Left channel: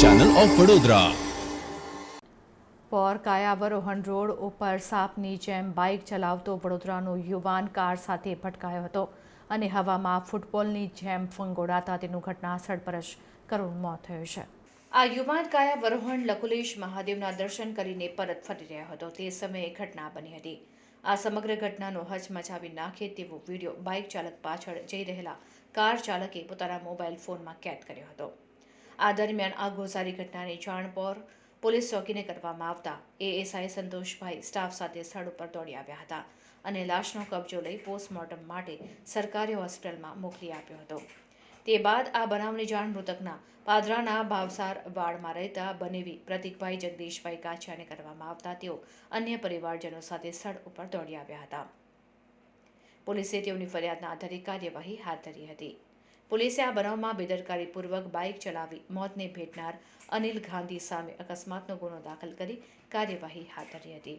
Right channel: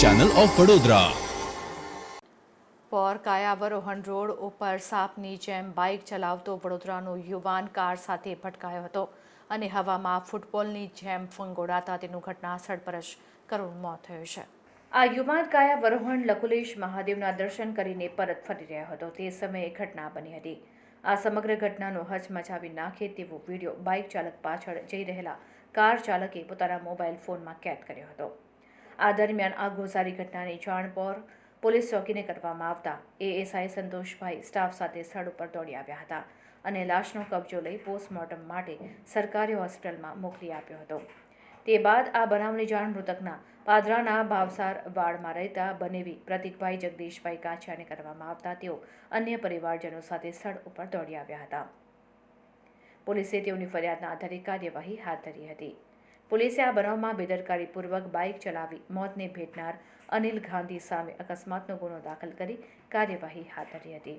Channel of Vadodara Por Kayavarohan road ઉપર સાપની જેમ બાઇક ચલાવતો વડોદરાનો યુવાન કાર સાથે ભટકાયો હતો અને હવામાં ફૂટબોલની જેમ ફંગોડાતા તેનું ઘટનાસ્થળ પર જ કરુણ મોત થયું છે. આ યુવાન કાયાવરોહણ લકુલેશ મહાદેવના દર્શન કરીને પરત ફરી રહ્યો હતો. તે સમયે ઘટના બની હતી. આ સમગ્ર ઘટનાનો હચમચાવી નાખે તેવો વીડિયો બાઇક ચાલક પાછળ જઈ રહેલા કાર ચાલકે પોતાના મોબાઈલ ફોનમાં કેદ કર્યો હતો. આ દરમિયાન આ ગોઝારી ઘટનાની જાણ પર પોલીસ ચોકીને કરવામાં આવતા એએસઆઈ સંતોષભાઈ સ્ટાફ સાથે સ્થળ ઉપર દોડી આવ્યા હતા અને લાશનો કબજો લઈ પોસ્ટમોર્ટમ માટે સરકારી હોસ્પિટલમાં મોકલી આપ્યો હતો. તે બાદ આ બનાવની જાણ મૃતકના પાદરાના ભાવસાર વાડમાં રહેતા બનેવી પ્રતિકભાઈ જગદીશભાઈ કાછિયાને કરવામાં આવતા તેઓ અન્ય પરિવારજનો સાથે સ્થળ ઉપર દોડી આવ્યા હતા. પોલીસે તેઓની ફરિયાદના આધારે કાર્યવાહી હાથ ધરી હતી. પોલીસે આ બનાવમાં બેદરકારીપૂર્વક બાઇક ચલાવી મોતને ભેટનાર અનિલ ગાંધી સામે અકસ્માતનો ગુનો દાખલ કરી કાર્યવાહી હાથ ધરી હતી.